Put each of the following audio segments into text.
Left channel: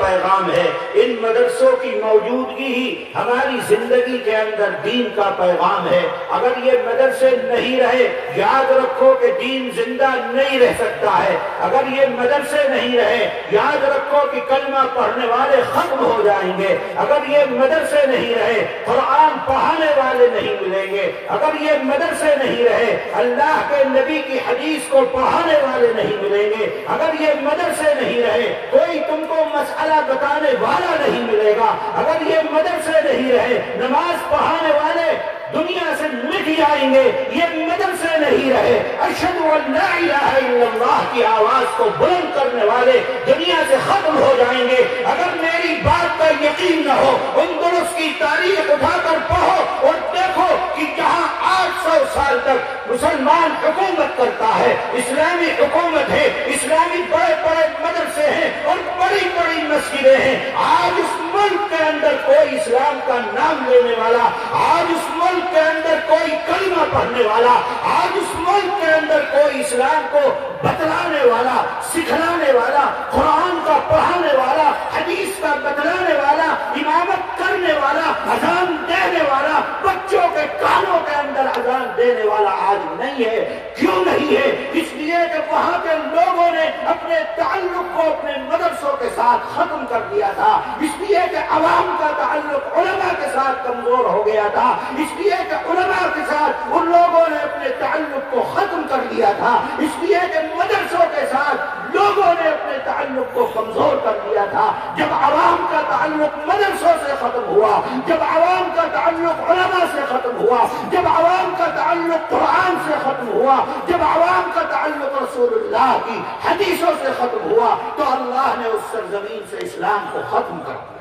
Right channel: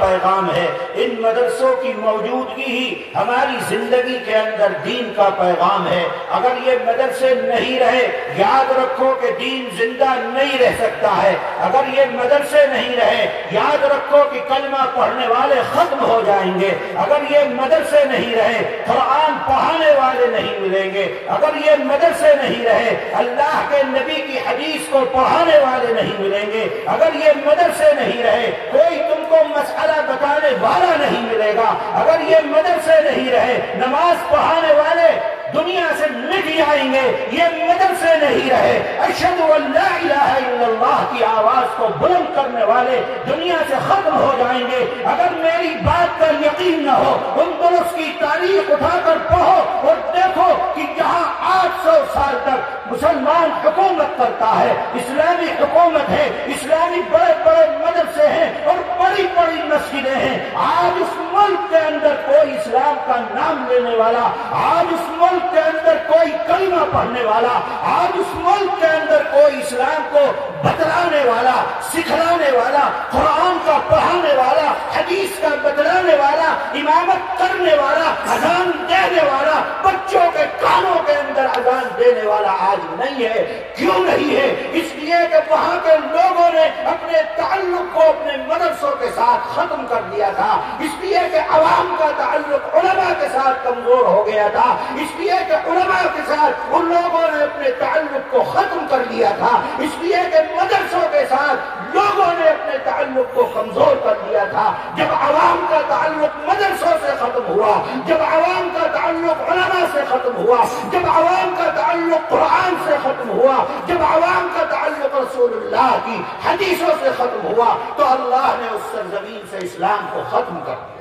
پیغام ہے۔ ان مدرسوں کی موجودگی ہی ہماری زندگی کے اندر دین کا پیغام ہے۔ اگر یہ مدرسے نہیں رہے، یاد رکھو کہ دین زندہ نہیں رہ سکتا ہے۔ اگر یہ مدرسے نہیں رہے، یاد رکھو کہ کلمہ پڑھنے والے ختم ہو جائیں گے۔ اگر یہ مدرسے نہیں رہے، قرآن پڑھانے والے نہیں ملیں گے۔ اگر یہ مدرسے نہیں رہے، اللہ کے نبی کی حدیث کو پڑھانے والے نہیں ملیں گے۔ اگر یہ مدرسے نہیں رہے، کوئی تم کو مسئلہ بتانے والا نہیں ملے گا۔ اگر یہ مدرسے نہیں رہے، نماز پڑھانے والے دنیا سے مٹ جائیں گے۔ یہ مدرسے نہیں رہے، اشہد ان لا الہ الا اللہ کی آواز کو بلند کرنے والے دنیا سے ختم ہو جائیں گے۔ اگر میری بات پر یقین نہ ہو، اندلس کی تاریخ اٹھا کر پڑھو اور دیکھو کہ جہاں 800 سال تک مسلمان حکومت کرتا ہے، اسلامی حکومت ہے، اسلامی بڑے بڑے مدرسے ہیں اور بڑی بڑی مسجدیں ہیں، آج اس ملک کے اندر کوئی اسلام کا نام لینے والا، آج اس ملک کے اندر کوئی کلمہ پڑھنے والا، آج اس ملک کے اندر کوئی اسلام کو بتلانے والا، سکھلانے والا، قرآن کا پڑھانے والا، حدیث کا بتلانے والا، امامت کرنے والا، اذان دینے والا، بچوں کے کانوں کے اندر اذان دینے والا آج نہیں ہے۔ کیوں نہیں ہے؟ اس لیے کہ وہاں کے لوگوں نے اپنے تعلق کو اپنے مدرسوں کے ساتھ ختم کر دیا تھا، اس لیے کہ عوام کا تعلق علماء کے ساتھ کمزور ہو گیا تھا، اس لیے کہ علماء کے ساتھ ان لوگوں نے اپنے تعلق کو ختم کر دیا تھا، اس لیے کہ مدرسوں کے ساتھ لوگوں نے اپنے تعلق کو کمزور کر دیا تھا۔ جب عوام کا تعلق مدرسوں سے ختم ہوا، جب عوام کا تعلق علماء سے ختم ہوا، جب عوام کا تعلق قرآن سے ختم ہوا، جب عوام کا تعلق رسول اللہ کی حدیثوں سے ختم ہوا، تو اللہ نے اس سرزمین سے اسلام کو ختم کر دیا۔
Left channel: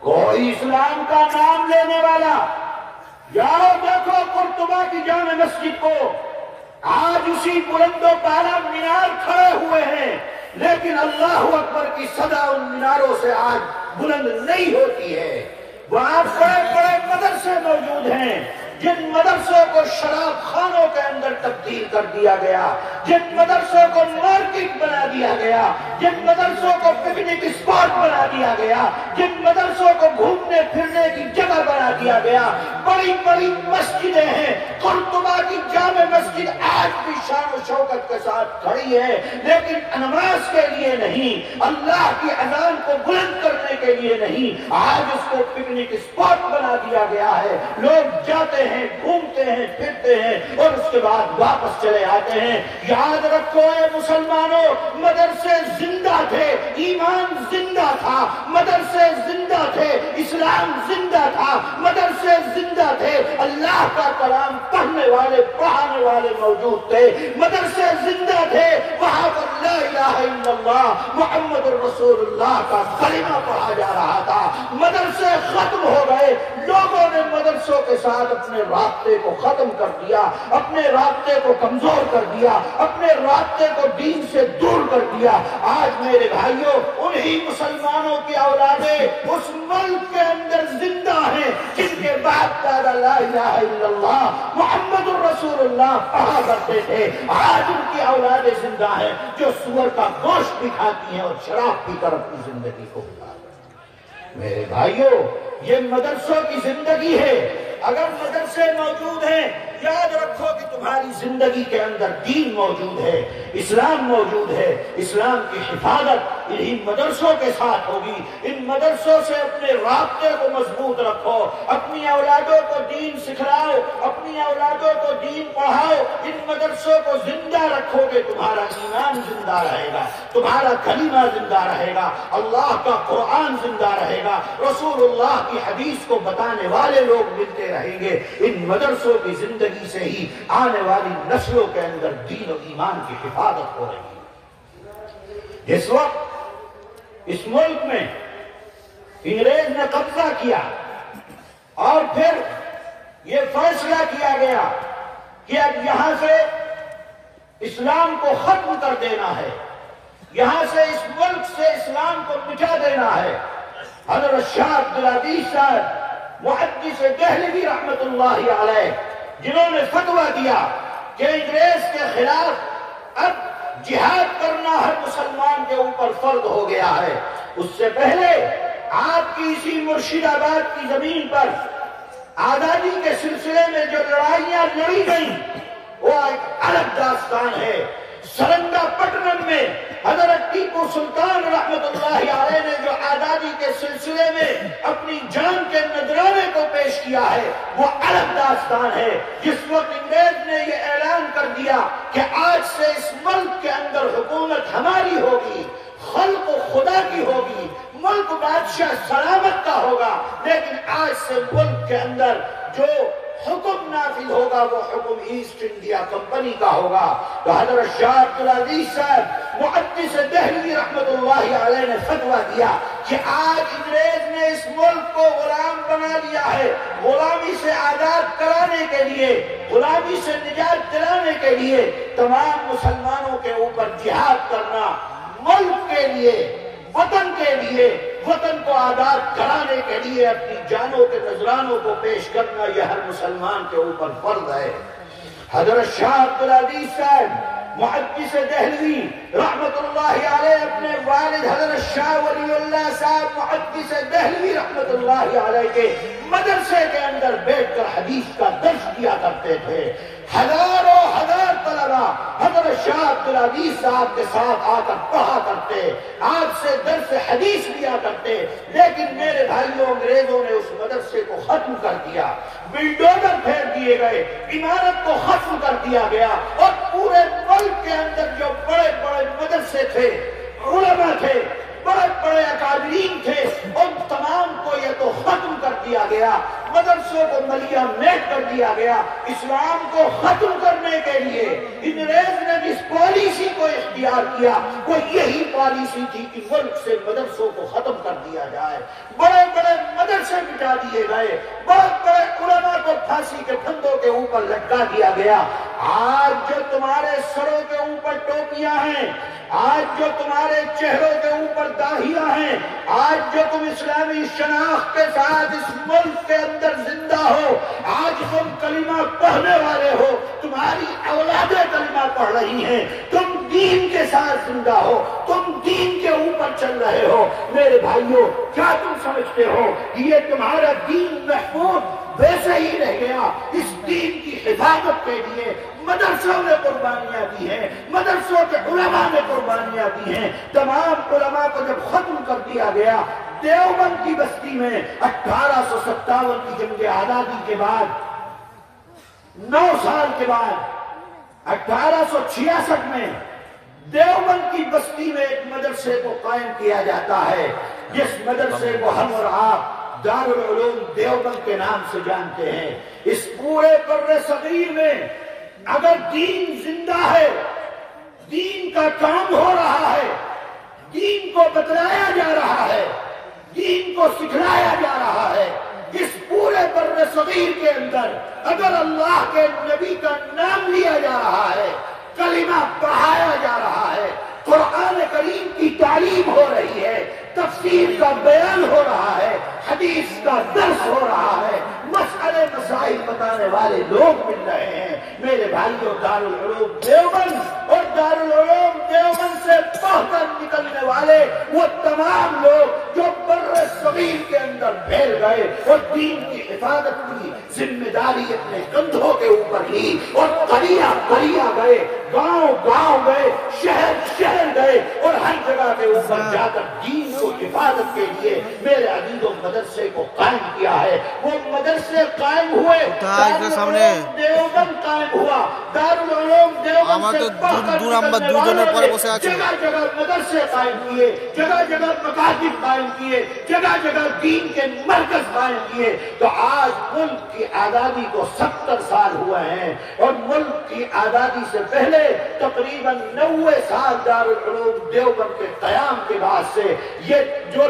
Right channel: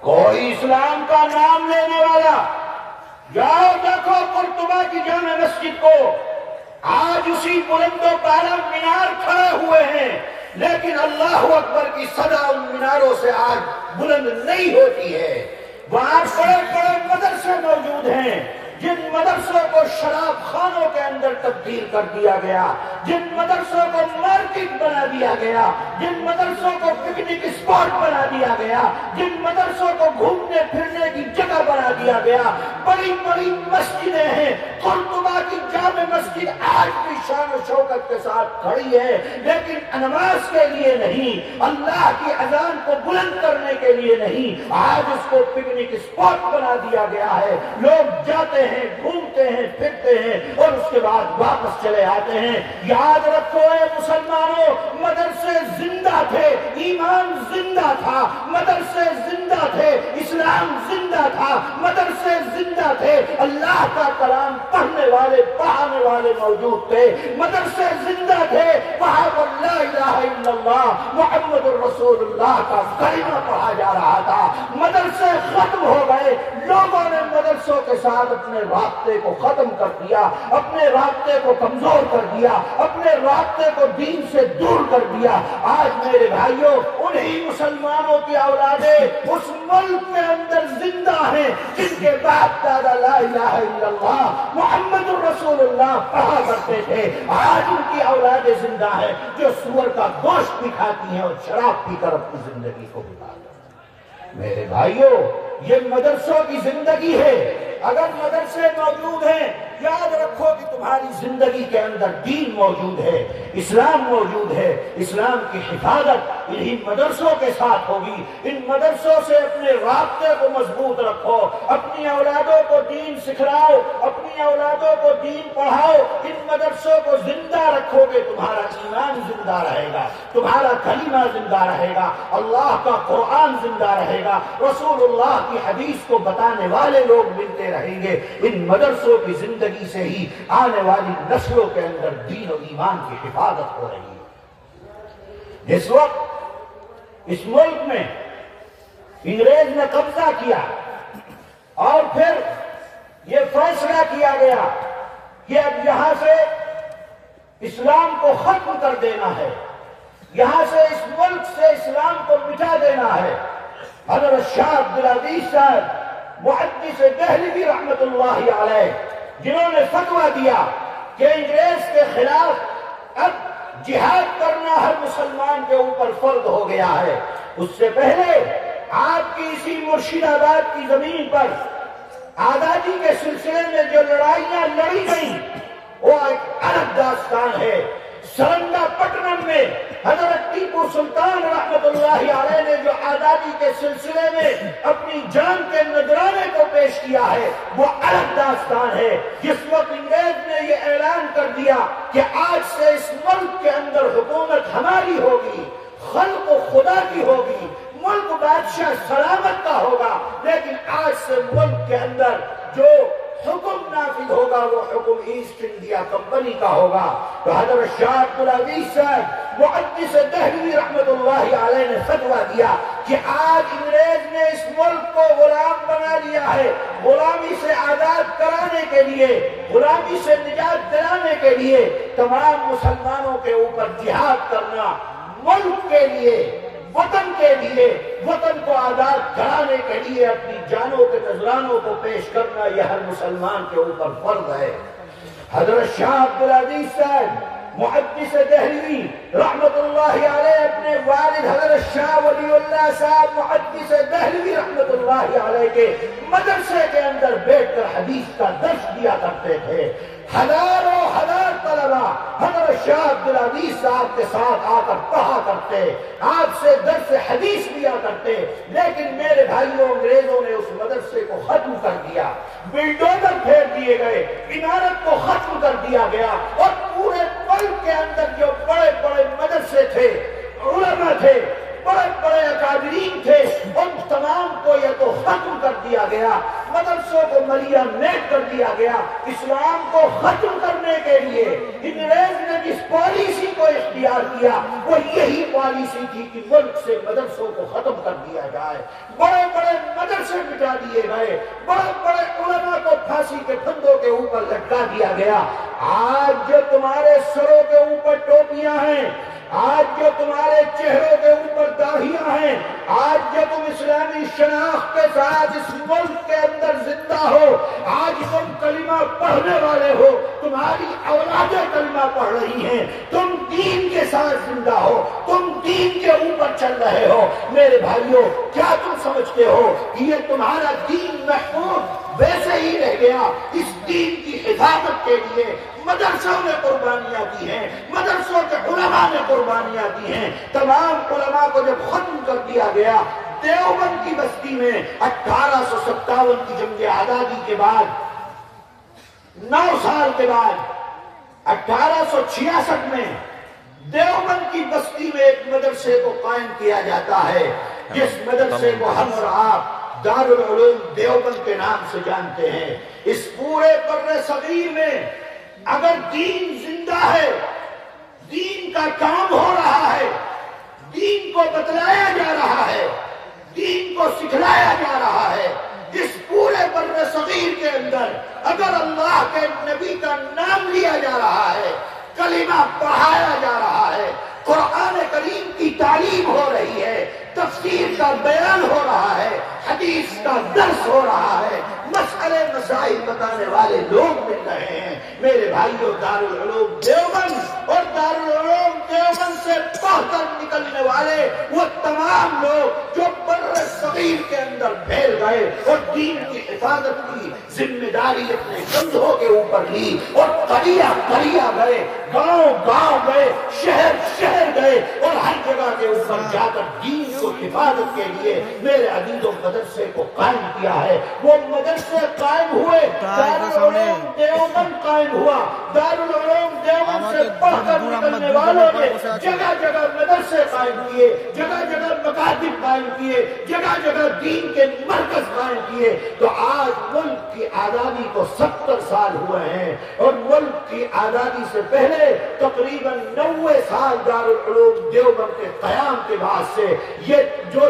کوئی اسلام کا نام لینے والا، جاؤ دیکھو قرطبہ کی جامع مسجد کو، آج اسی بلند و بالا مینار کھڑے ہوئے ہیں، لیکن اللہ اکبر کی صدا ان میناروں سے آج بلند نہیں ہوتی ہے۔ وہاں بڑے بڑے مدرسے موجود ہیں، جن مدرسوں کو شراب خانوں کے اندر تبدیل کر دیا گیا، جن مدرسوں کو مارکیٹ بنا دیا گیا، جن مدرسوں کو پکنک اسپاٹ بنا دیا گیا، جن مدرسوں کو گھومنے پھرنے کی جگہ بنا دیا گیا، بڑی بڑی مسجدیں ہیں۔ قرطبہ کی جامع مسجد آج بھی شان و شوکت کے ساتھ کھڑی ہے، لیکن نماز کے لیے نہیں، اللہ کی اذان کو بلند کرنے کے لیے نہیں، آج اس کو پکنک اسپاٹ بنا دیا گیا ہے۔ لوگ جاتے ہیں، گھومتے ہیں، پھرتے ہیں اور اس کے بعد واپس چلے آتے ہیں۔ یاد رکھو اے مسلمانوں، مدرسے زندہ تھے، ایمان زندہ تھا، مدرسے زندہ تھے، اسلام زندہ تھا، مدرسے زندہ تھے، اللہ کا کلام پڑھنے والے پڑھانے والے موجود تھے، مدرسے زندہ تھے، وہاں پر لا الہ الا اللہ محمد الرسول اللہ کا کلمہ پڑھا جا رہا تھا۔ مدرسے ختم ہو گئے، لوگوں نے مدرسوں کے ساتھ اپنے رابطے کو ختم کر دیا، اپنے رابطے کو کمزور کر دیا، اپنے رابطے کو دین سے دور کر دیا۔ آج میرے بھائیوں، انہی مسلمانوں کی اولادیں اس ملک کے اندر زندہ ہیں جن کے باپ دادا لا الہ الا اللہ محمد الرسول اللہ پڑھا کرتے تھے۔ آج ان کی اولادیں زندہ ہیں جو سور کا گوشت بھی کھاتی ہیں اور شراب پی کر اپنی زندگی کو گزارتی ہیں۔ میرے بھائیوں، یہ مدرسوں کی زندگی ہے۔ اگر مدرسے موجود ہیں، یاد رکھو کہ تمہاری زندگی کے اندر دین موجود ہے، اسلام موجود ہے۔ اسلام کی حفاظت انہی مدرسوں کے ساتھ ہوگی۔ ان مدرسوں سے اپنے رابطے کو مضبوط رکھو، اپنی اولادوں کو دین سکھلاؤ، اپنی اولادوں کو دین پڑھاؤ۔ ان مدرسوں کو زندہ رکھو گے، تمہارا ایمان زندہ رہے گا، تمہارا کلمہ زندہ رہے گا، اللہ کا قرآن زندہ رہے گا، رسول اللہ کی حدیث کو بتانے والے لوگ ملتے رہیں گے۔ ان مدرسوں کی زندگی سے ہی آنے والی نسلوں کے اندر دین و ایمان کی حفاظت ہو رہی ہے۔ جس وقت اس ملک میں انگریز نے قبضہ کیا اور پھر یہ فیصلہ کیا گیا کہ اب یہاں سے اسلام کو ختم کر دینا ہے، یہاں سے اس ملک سے اسلام کو مٹا دینا ہے، حضرت شاہ عبدالعزیز صاحب محدث دہلوی رحمت اللہ علیہ، جنہوں نے فتویٰ دیا کہ انگریز کے خلاف اب جہاد کرنا ہر مسلمان کے اوپر فرض ہو گیا ہے۔ اس سے پہلے آپ کی اسی مرشد آباد کی زمین پر آزادی کے سلسلے میں جو لڑائیاں لڑی گئیں وہ ایک الگ داستان ہے۔ سرنگا پٹنم میں حضرت ٹیپو سلطان رحمت اللہ علیہ نے جو آزادی کے سلسلے میں اپنی جان کے نذرانے کو پیش کیا ہے وہ الگ داستان ہے۔ جس وقت انگریز نے یہ اعلان کر دیا کہ آج سے اس ملک کے اندر حکومت ہماری ہوگی، خلق خدا کی ہوگی، ملک بادشاہ سلامت کا ہوگا، لیکن آج سے ملک کے اندر جو حکم نافذ ہوگا وہ حکم ایسٹ انڈیا کمپنی کا ہوگا، تو حضرت شاہ عبدالعزیز صاحب محدث دہلوی رحمت اللہ علیہ نے فتویٰ دیا کہ آج انگریز نے اس ملک کو غلام بنا لیا ہے، غلامی سے آزاد کرانے کے لیے، غلامی سے نجات دلانے کے لیے تمام مسلمانوں کے اوپر جہاد کرنا، ملک کے لیے، وطن کے لیے، وطن کو آزاد کرانے کے لیے اپنی جانوں کے نذرانوں کو پیش کرنا یہ ہر مسلمان کے اوپر فرض ہے۔ حضرت شاہ عبدالعزیز صاحب محدث دہلوی رحمت اللہ علیہ اپنے والد حضرت شاہ ولی اللہ صاحب محدث دہلوی رحمت اللہ علیہ کے مدرسے کے اندر بیٹھ کر حدیث کا درس دیا کرتے تھے۔ ہزاروں ہزار طلبہ حضرت شاہ عبدالعزیز صاحب کے ساتھ آ کر پڑھا کرتے، آپ سے درس حدیث لیا کرتے، لیکن میرے بھائیوں انگریزوں نے اس مدرسے کو ختم کر دیا، بلڈوزر پھیر دیے گئے، عمارت کو ختم کر دیا گیا، اور پورے ملک کے اندر جو بڑے بڑے مدرسے تھے، علماء تھے، بڑے بڑے اکابرین تھے، ان تمام کو یہ تو ختم کر دیا گیا، مدرسوں کو ملیا میٹ کر دیا گیا۔ اسلام کو ختم کرنے کے لیے انگریز نے جس پالیسی کو اختیار کیا وہ یہی پالیسی تھی کہ ملک سے مدرسوں کو ختم کر دیا جائے، بڑے بڑے مدرسے مٹا دیے گئے، بڑے بڑے علماء کو پھانسی کے پھندوں کے اوپر لٹکا دیا گیا۔ آج جو تمہارے سروں کے اوپر ٹوپیاں ہیں، آج جو تمہارے چہروں کے اوپر داڑھیاں ہیں، آج جو تم اسلامی شناخت کے ساتھ اس ملک کے اندر زندہ ہو، آج تم کلمہ پڑھنے والے ہو، تمہاری اولادیں کلمہ پڑھ رہی ہیں، تم دین کے ساتھ زندہ ہو، تم دین کے اوپر چل رہے ہو، میرے بھائیوں کیا تم سمجھتے ہو کہ یہ تمہارا دین محفوظ ویسے ہی رہ گیا؟ اس دین کی حفاظت کے لیے مدرسوں نے قربانیاں دی ہیں، مدرسوں کے علماء نے قربانیاں دی ہیں۔ تمام علماء کو جب ختم کر دیا گیا، دیوبند کی بستی میں 1857 کی جنگ آزادی کے بعد 9 سال کے بعد 1866 میں دیوبند کی بستی میں ایک مدرسے کو قائم کیا جاتا ہے، جس مدرسے کو ہم اور آپ دارالعلوم دیوبند کے نام سے جانتے ہیں۔ اس پورے بر صغیر میں اگر دین زندہ ہے، دین کا کام ہو رہا ہے، دین کو بتلایا جا رہا ہے، دین کو سکھلایا جا رہا ہے، اس پورے بر صغیر کے اندر اگر اللہ کے نبی کا نام لیا جا رہا ہے، کلمہ پڑھایا جا رہا ہے، قرآن کریم کی تعلیم ہو رہی ہے، تفسیر کا بیان ہو رہا ہے، حدیث کا درس ہو رہا ہے، مسئلے مسائل بتانے والے لوگ مل رہے ہیں، میرے بھائیوں دارالعلوم دیوبند اور دارالعلوم دیوبند سے پڑھ کر نکلنے والے وہ تمام لوگ جو بر صغیر کے اندر پھیل گئے اور دین کی حفاظت کی ذمہ داری اپنے کندھوں کے اوپر لی، اور قریہ قریہ گئے، گاؤں گاؤں گئے، شہر شہر گئے، اور ہر جگہ کے اوپر جا کر دین کو حفاظت کے لیے میرے عزیزوں مدرسے کو قائم کیا ہے۔ وہ مدرسے قائم ہوئے، دارالعلوم دیوبند قائم ہوا، دارالعلوم دیوبند سے پڑھ کر نکلنے والوں نے جگہ جگہ مدرسے قائم کیے، جگہ جگہ مکاتب قائم کیے، جگہ جگہ دین کے مرکز قائم کیے، تو آج ملک کی آزادی کو 70 سال ہوئے ہیں، اور ملک کی آزادی سے پہلے تقریباً 90 سال دارالعلوم دیوبند کے قیام کے بعد سے یہ جو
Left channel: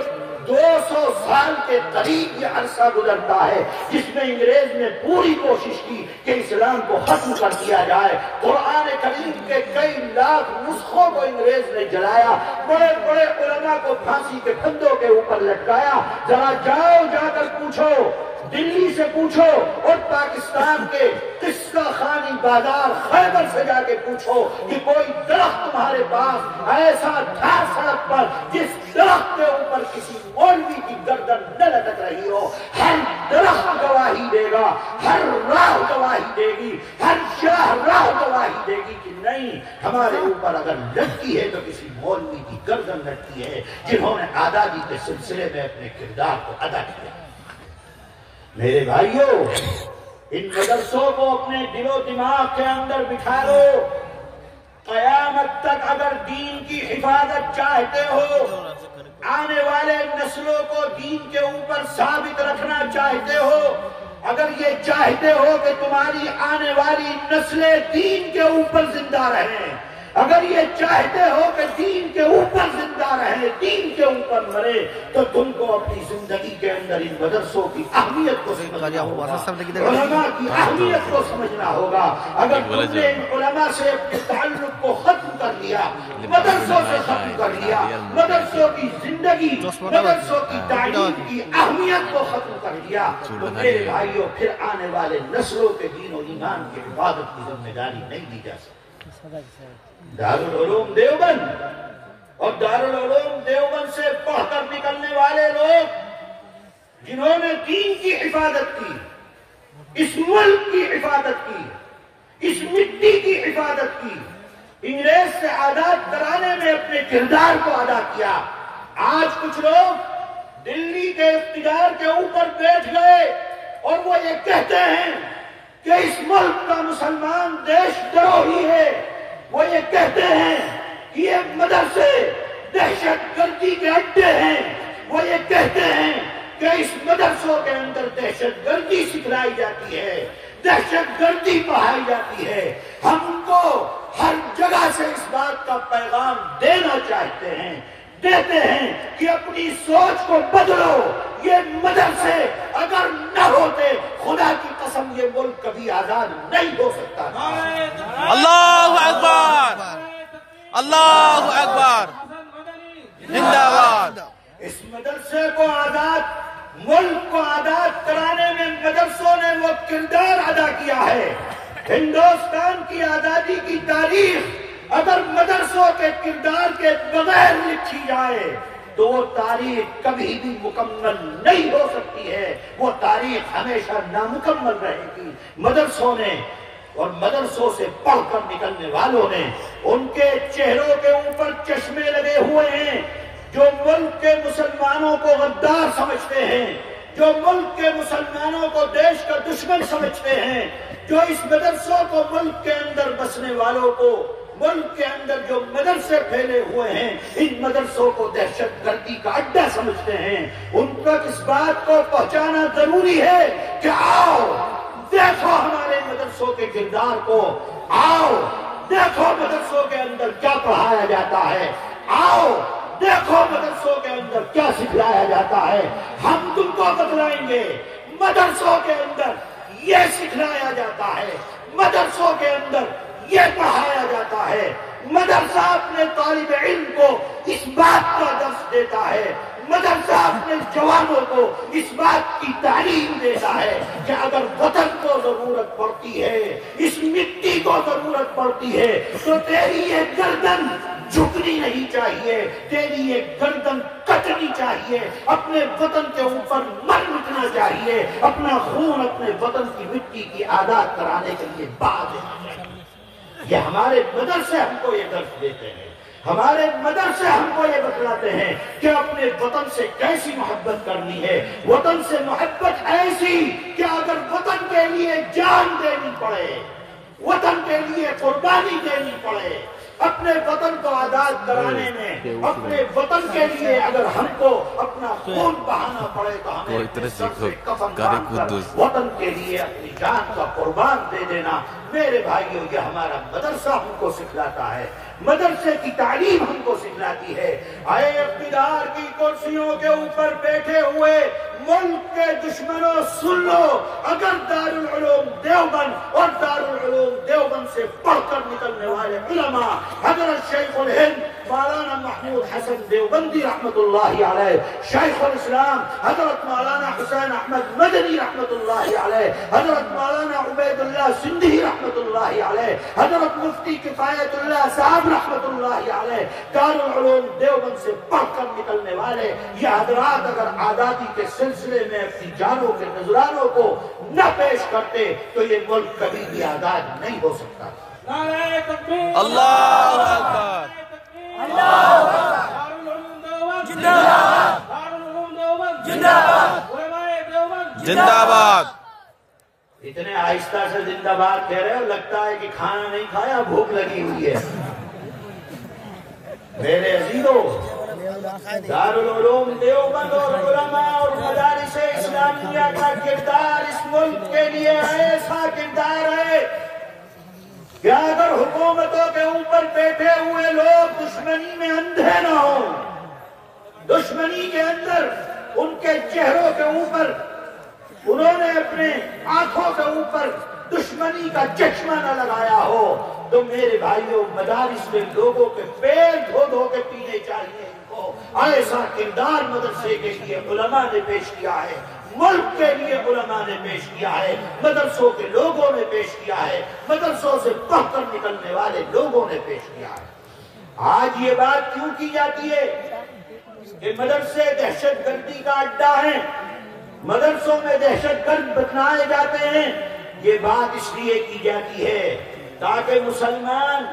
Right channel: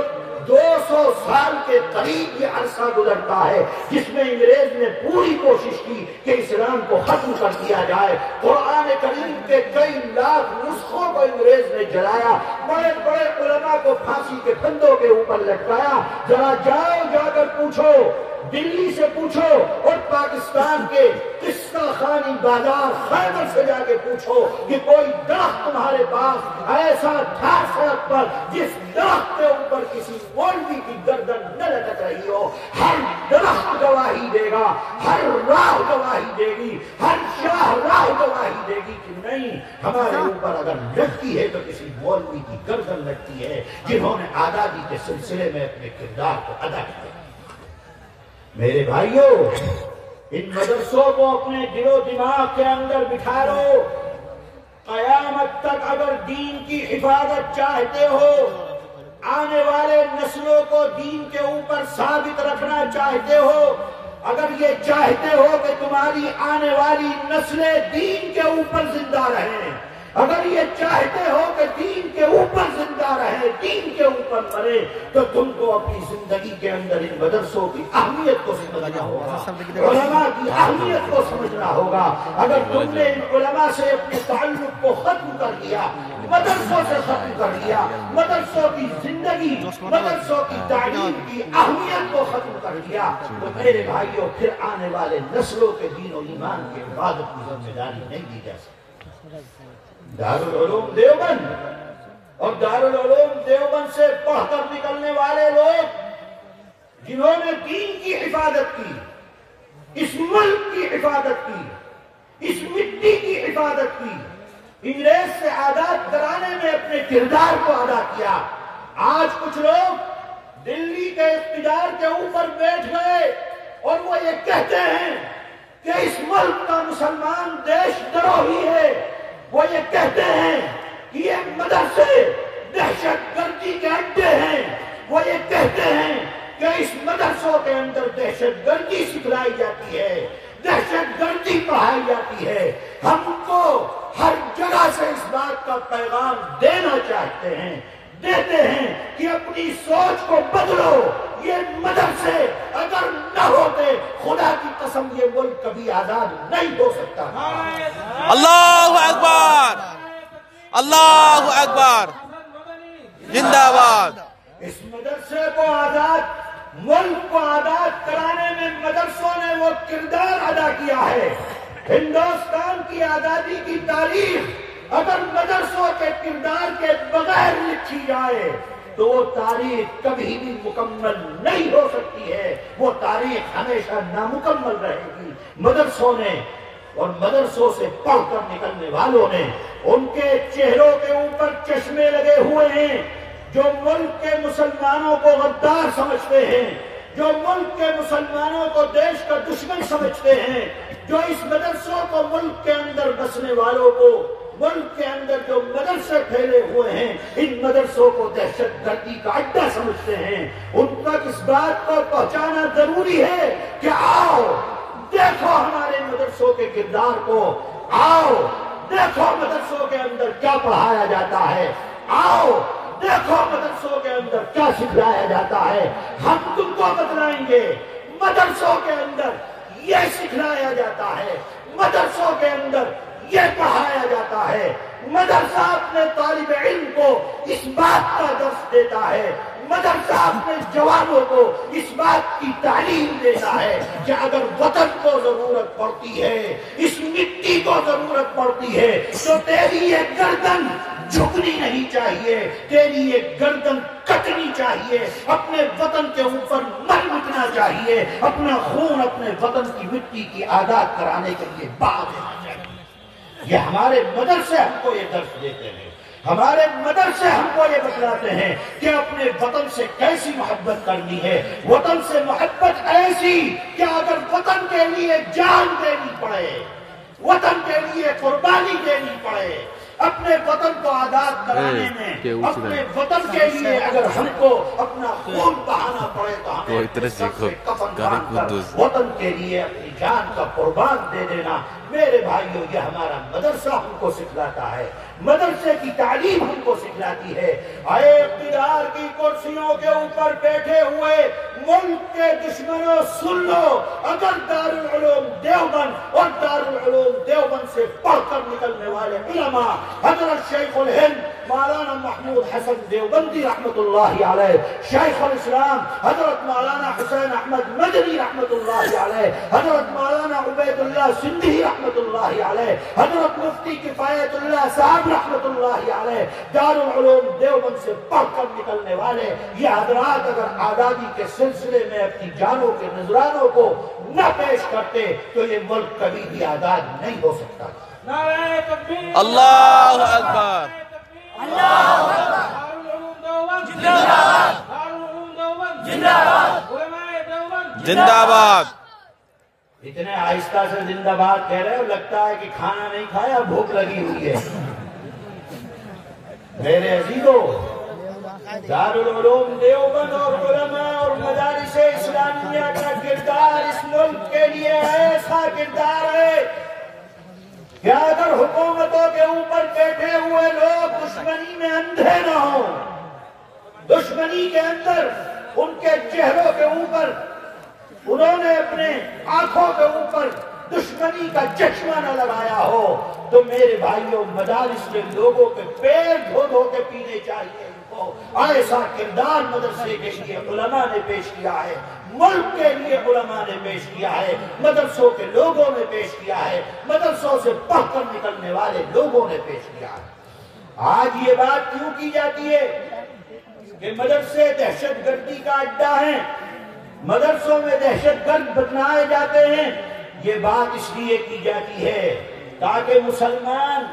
200 سال کے قریب یہ عرصہ گزرتا ہے جس میں انگریز نے پوری کوشش کی کہ اسلام کو ختم کر دیا جائے. قرآن کریم کے کئی لاکھ نسخوں کو انگریز نے جلایا, بڑے بڑے علماء کو پھانسی کے پھندوں کے اوپر لٹکایا. ذرا جاؤ, جا کر پوچھو, دلی سے پوچھو اور پاکستان کے قصہ خانی بازار خیبر سے جا کے پوچھو کہ کوئی درخت تمہارے پاس ایسا تھا سڑک پر جس درخت کے اوپر کسی مولوی کی گردن نہ لٹک رہی ہو. ہر درخت گواہی دے گا, ہر راہ گواہی دے گی, ہر شاہ راہ گواہی دے گی کہ نہیں, ہمارے اوپر اگر لٹکی ہے تو کسی مولوی کی گردن لٹکی ہے جنہوں نے آزادی کے سلسلے میں اپنے کردار کو ادا کیا. میرے بھائیوں, ان مدرسوں کو اپنے دل و دماغ کے اندر بٹھا لو. قیامت تک اگر دین کی حفاظت چاہتے ہو, آنے والے نسلوں کو دین کے اوپر ثابت رکھنا چاہتے ہو, اگر یہ چاہتے ہو کہ تمہاری آنے والی نسلیں دین کے اوپر زندہ رہیں, اگر یہ چاہتے ہو کہ دین کے اوپر زندہ رہے, دین کے اوپر مرے, تو تم کو اپنی زندگی کے اندر ان مدرسوں کی اہمیت کو سمجھنا ہوگا, علماء کی اہمیت کو سمجھنا ہوگا. اگر تم نے ان علماء سے اپنے تعلق کو ختم کر دیا, مدرسوں سے ختم کر دیا, مدرسوں کی زندگی, مدرسوں کی تعلیم کی اہمیت کو ختم کر دیا, تو میرے بھائیوں پھر آنے والے نسلوں کے دین و ایمان کی حفاظت کی ذمہ داری نہیں دی جا سکتی. دارالعلوم دیوبند اور دارالعلوم دیوبند سے پڑھ کر نکلنے والے لوگ جنہوں نے دین کی حفاظت کی, اس ملک کی حفاظت کی, اس مٹی کی حفاظت کی, انگریز سے آزاد کرانے میں اپنے کردار کو ادا کیا. آج کچھ لوگ دلی کے اقتدار کے اوپر بیٹھ گئے اور وہ یہ کہتے ہیں کہ اس ملک کا مسلمان دیش دروہی ہے. وہ یہ کہتے ہیں کہ یہ مدرسے دہشت گردی کے اڈے ہیں. وہ یہ کہتے ہیں کہ اس مدرسوں کے اندر دہشت گردی سکھلائی جاتی ہے, دہشت گردی پڑھائی جاتی ہے. ہم کو ہر جگہ سے اس بات کا پیغام دینا چاہتے ہیں, دیتے ہیں کہ اپنی سوچ کو بدلو. یہ مدرسے اگر نہ ہوتے, خدا کی قسم یہ ملک کبھی آزاد نہیں ہو سکتا. اللہ اکبر, اللہ اکبر, زندہ باد. اس مدرسے کو آزاد, ملک کو آزاد کرانے میں مدرسوں نے وہ کردار ادا کیا ہے. ہندوستان کی آزادی کی تاریخ اگر مدرسوں کے کردار کے بغیر لکھی جائے تو وہ تاریخ کبھی بھی مکمل نہیں ہو سکتی ہے. وہ تاریخ ہمیشہ نامکمل رہے گی. مدرسوں نے اور مدرسوں سے پڑھ کر نکلنے والوں نے, ان کے چہروں کے اوپر چشمے لگے ہوئے ہیں. جو ملک کے مسلمانوں کو غدار سمجھتے ہیں, جو ملک کے مسلمانوں کو دیش کا دشمن سمجھتے ہیں, جو اس مدرسوں کو ملک کے اندر بسنے والوں کو, ملک کے اندر جو مدرسے پھیلے ہوئے ہیں, ان مدرسوں کو دہشت گردی کا اڈا سمجھتے ہیں, ان تک اس بات کو پہنچانا ضروری ہے کہ آؤ دیکھو ہمارے مدرسوں کے کردار کو, آؤ دیکھو مدرسوں کے اندر کیا پڑھایا جاتا ہے, آؤ دیکھو مدرسوں کے اندر کیا سکھلایا جاتا ہے. ہم تم کو بتلائیں گے. مدرسوں کے اندر یہ سکھلایا جاتا ہے, مدرسوں کے اندر یہ پڑھایا جاتا ہے. مدرسہ اپنے طالب علم کو اس بات کا درس دیتا ہے, مدرسہ اپنے جوانوں کو اس بات کی تعلیم دیتا ہے کہ اگر وطن کو ضرورت پڑتی ہے, اس مٹی کو ضرورت پڑتی ہے, تو تیری یہ گردن جھکنی نہیں چاہیے, تیری یہ گردن کٹنی چاہیے, اپنے وطن کے اوپر مر مٹنا چاہیے, اپنا خون اپنے وطن کی مٹی کی آزاد کرانے کے لیے بہا دینا چاہیے. یہ ہمارے مدرسے ہم کو یہ درس دیتے ہیں, ہمارے مدرسے ہم کو یہ بتلاتے ہیں کہ اپنے وطن سے کیسی محبت کرنی ہے. وطن سے محبت ایسی کہ اگر وطن کے لیے جان دینی پڑے, وطن کے لیے قربانی دینی پڑے, اپنے وطن کو آزاد کرانے میں, اپنے وطن کے لیے اگر ہم کو اپنا خون بہانا پڑے تو ہمیں سب سے کفن کر وطن کے لیے اپنی جان کا قربان دے دینا میرے بھائیوں یہ ہمارا مدرسہ ہم کو سکھلاتا ہے، مدرسے کی تعلیم ہم کو سکھلاتی ہے۔ اے اقتدار کی کرسیوں کے اوپر بیٹھے ہوئے ملک کے دشمنوں، سن لو، اگر دارالعلوم دیوبند اور دارالعلوم دیوبند سے پڑھ کر نکلنے والے علماء حضرت شیخ الہند مولانا محمود حسن دیوبندی رحمت اللہ علیہ، شیخ الاسلام حضرت مولانا حسین احمد مدنی رحمت اللہ علیہ، حضرت مولانا عبید اللہ سندھی رحمت اللہ علیہ، حضرت مفتی کفایت اللہ صاحب رحمت اللہ علیہ، دارالعلوم دیوبند سے پڑھ کر نکلنے والے یہ حضرات اگر آزادی کے سلسلے میں اپنی جانوں کے نذرانوں کو نہ پیش کرتے تو یہ ملک کبھی بھی آزاد نہیں ہو سکتا۔ اللہ اکبر، زندہ باد۔ اتنے آہستہ سے زندہ باد کہہ رہے ہو، لگتا ہے کہ کھانا نہیں کھایا، بھوک لگی ہوئی ہے۔ میرے عزیزوں، دارالعلوم دیوبند اور علماء اور مدارس اسلامیہ کا کردار اس ملک کے لیے ایسا کردار ہے کہ اگر حکومتوں کے اوپر بیٹھے ہوئے لوگ دشمنی میں اندھے نہ ہوں، دشمنی کے اندر ان کے چہروں کے اوپر انہوں نے اپنے آنکھوں کے اوپر دشمنی کا چشمہ نہ لگایا ہو تو میرے بھائیوں مدارس کے لوگوں کے پیر دھو دھو کے پینے چاہیے ان کو۔ ایسا کردار مدرسے کے لیے علماء نے پیش کیا ہے، ملک کے لیے علماء نے پیش کیا ہے، مدرسوں کے لوگوں نے پیش کیا ہے، مدرسوں سے پڑھ کر نکلنے والے لوگوں نے پیش کیا ہے۔ آج یہ بات کیوں کی جاتی ہے کہ مدرسے دہشت گردی کا اڈا ہیں، مدرسوں میں دہشت گرد بنائے جاتے ہیں؟ یہ بات اس لیے کی جاتی ہے تاکہ مسلمان،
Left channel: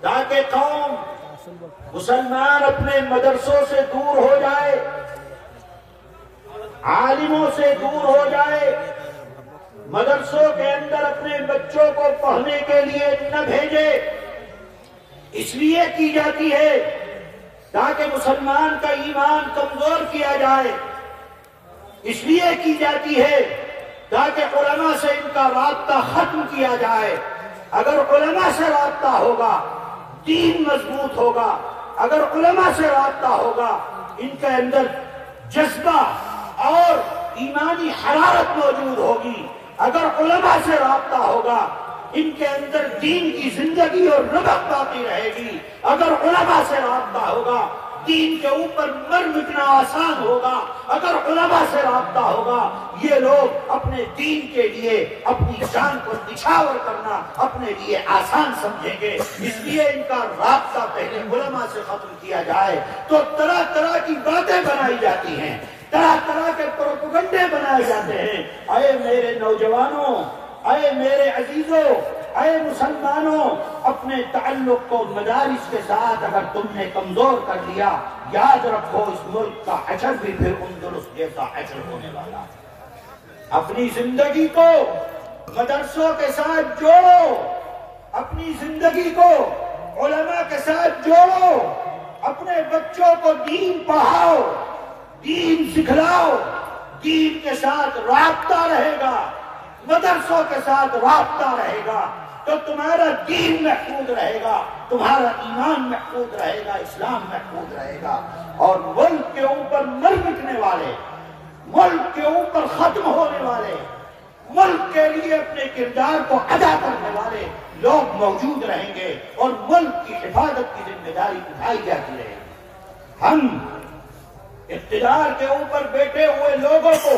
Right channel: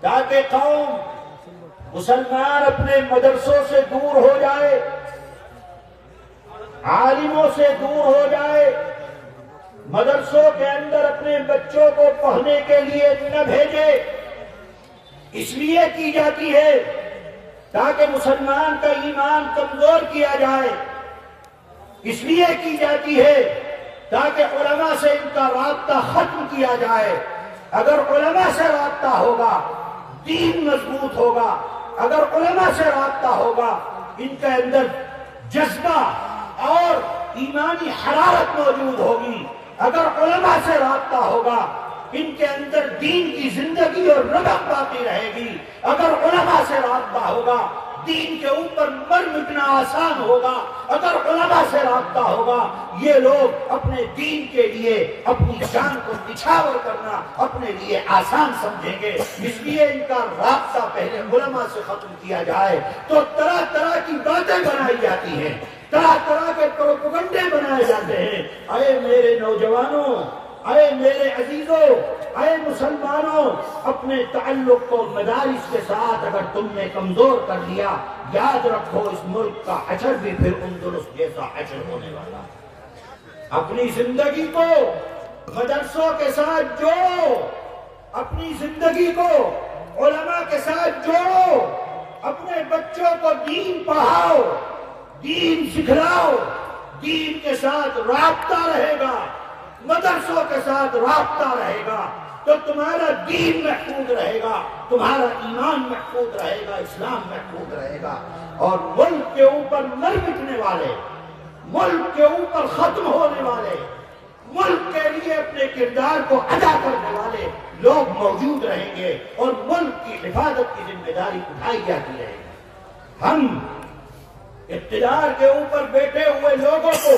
تاکہ قوم مسلمان اپنے مدرسوں سے دور ہو جائے، عالموں سے دور ہو جائے، مدرسوں کے اندر اپنے بچوں کو پڑھنے کے لیے نہ بھیجے۔ اس لیے کی جاتی ہے تاکہ مسلمان کا ایمان کمزور کیا جائے، اس لیے کی جاتی ہے تاکہ علماء سے ان کا رابطہ ختم کیا جائے۔ اگر علماء سے رابطہ ہوگا دین مضبوط ہوگا، اگر علماء سے رابطہ ہوگا ان کے اندر جذبہ اور ایمانی حرارت موجود ہوگی، اگر علماء سے رابطہ ہوگا ان کے اندر دین کی زندگی اور رغبت باقی رہے گی، اگر علماء سے رابطہ ہوگا دین کے اوپر مر مٹنا آسان ہوگا، اگر علماء سے رابطہ ہوگا یہ لوگ اپنے دین کے لیے اپنی جان کو نچھاور کرنا اپنے لیے آسان سمجھیں گے۔ اس لیے ان کا رابطہ پہلے علماء سے ختم کیا جائے تو طرح طرح کی باتیں بنائی جاتی ہیں، طرح طرح کے پروپیگنڈے بنائے جاتے ہیں۔ اے میرے نوجوانوں، اے میرے عزیزوں، اے مسلمانوں، اپنے تعلق کو مدارس کے ساتھ اگر تم نے کمزور کر لیا، یاد رکھو اس ملک کا حشر بھی پھر اندلس جیسا حشر ہونے والا ہے۔ اپنی زندگی کو مدرسوں کے ساتھ جوڑو، اپنی زندگی کو علماء کے ساتھ جوڑو، اپنے بچوں کو دین پڑھاؤ، دین سکھلاؤ، دین کے ساتھ رابطہ رہے گا، مدرسوں کے ساتھ رابطہ رہے گا تو تمہارا دین محفوظ رہے گا، تمہارا ایمان محفوظ رہے گا، اسلام محفوظ رہے گا۔ اور ملک کے اوپر مر مٹنے والے، ملک کے اوپر ختم ہونے والے، ملک کے لیے اپنے کردار کو ادا کرنے والے لوگ موجود رہیں گے اور ملک کی حفاظت کی ذمہ داری اٹھائی جاتی رہے گی۔ ہم اقتدار کے اوپر بیٹھے ہوئے لوگوں کو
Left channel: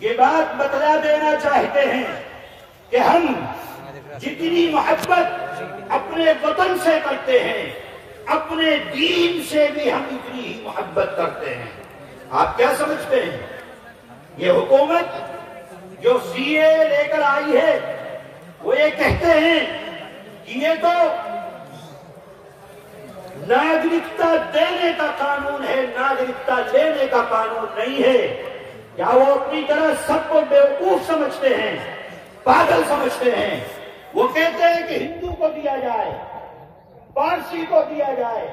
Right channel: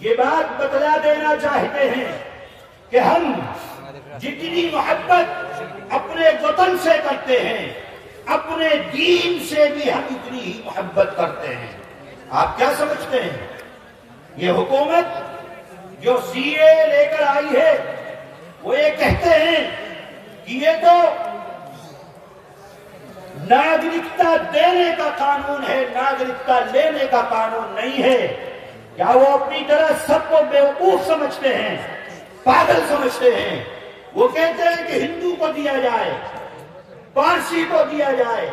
یہ بات بتلا دینا چاہتے ہیں کہ ہم جتنی محبت اپنے وطن سے کرتے ہیں اپنے دین سے بھی ہم اتنی ہی محبت کرتے ہیں۔ آپ کیا سمجھتے ہیں؟ یہ حکومت جو سی اے لے کر آئی ہے وہ یہ کہتے ہیں کہ یہ تو ناگرکتا دینے کا قانون ہے، ناگرکتا لینے کا قانون نہیں ہے۔ کیا وہ اپنی طرح سب کو بیوقوف سمجھتے ہیں، پاگل سمجھتے ہیں؟ وہ کہتے ہیں کہ ہندو کو دیا جائے، پارسی کو دیا جائے،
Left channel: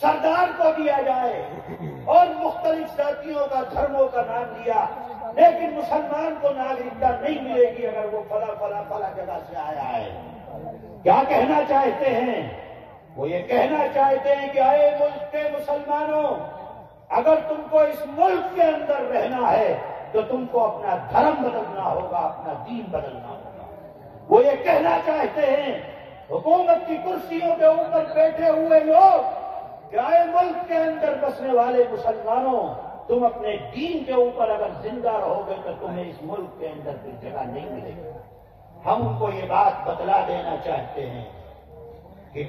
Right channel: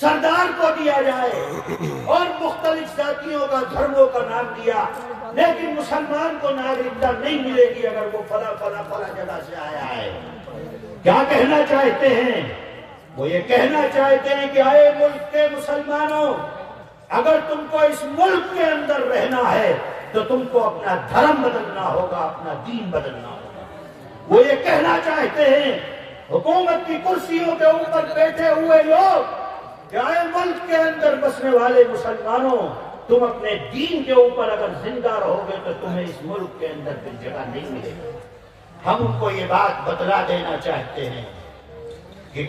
سردار کو دیا جائے اور مختلف ذاتیوں کا دھرموں کا نام دیا، لیکن مسلمان کو ناگرکتا نہیں ملے گی اگر وہ فلاں جگہ سے آیا ہے۔ کیا کہنا چاہتے ہیں؟ وہ یہ کہنا چاہتے ہیں کہ اے ملک کے مسلمانوں، اگر تم کو اس ملک کے اندر رہنا ہے تو تم کو اپنا دھرم بدلنا ہوگا، اپنا دین بدلنا ہوگا۔ وہ یہ کہنا چاہتے ہیں حکومت کی کرسیوں کے اوپر بیٹھے ہوئے لوگ کہ اے ملک کے اندر بسنے والے مسلمانوں، تم اپنے دین کے اوپر اگر زندہ رہو گے تو تمہیں اس ملک کے اندر پھر جگہ نہیں ملے گی۔ ہم ان کو یہ بات بتلا دینا چاہتے ہیں کہ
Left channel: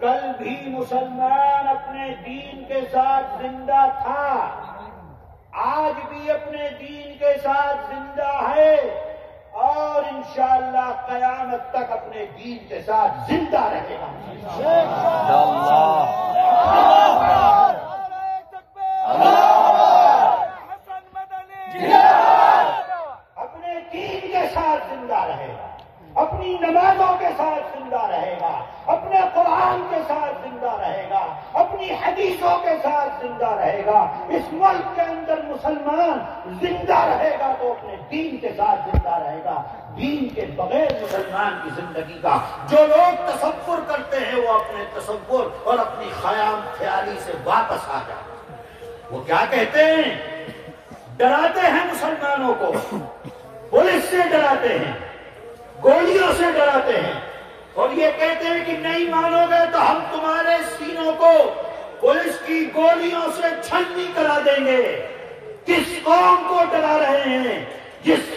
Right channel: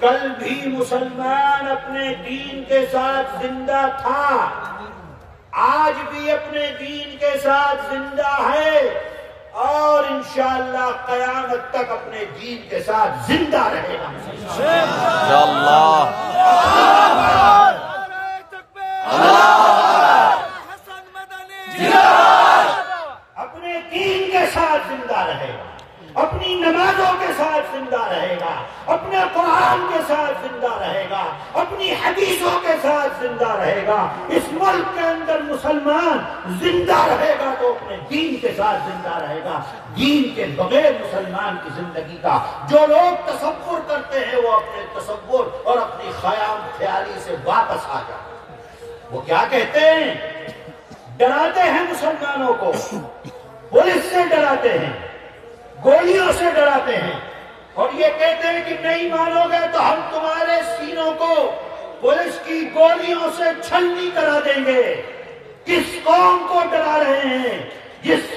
کل بھی مسلمان اپنے دین کے ساتھ زندہ تھا، آج بھی اپنے دین کے ساتھ زندہ ہے، اور انشاءاللہ قیامت تک اپنے دین کے ساتھ زندہ رہے گا۔ اپنے دین کے ساتھ زندہ رہے گا، اپنی نمازوں کے ساتھ زندہ رہے گا، اپنے قرآن کے ساتھ زندہ رہے گا، اپنی حدیثوں کے ساتھ زندہ رہے گا۔ اس ملک کے اندر مسلمان زندہ رہے گا تو اپنے دین کے ساتھ زندہ رہے گا۔ دین کے بغیر مسلمان کی زندگی کا جو لوگ تصور کرتے ہیں وہ اپنے تصور اور اپنی خیالی سے واپس آ جائیں۔ وہ کیا کہتے ہیں؟ ڈراتے ہیں مسلمانوں کو، پولیس سے ڈراتے ہیں، گولیوں سے ڈراتے ہیں، اور یہ کہتے ہیں کہ نہیں مانو گے تو ہم تمہارے سینوں کو پولیس کی گولیوں سے چھلنی کرا دیں گے۔ کس قوم کو ڈرا رہے ہیں؟ جس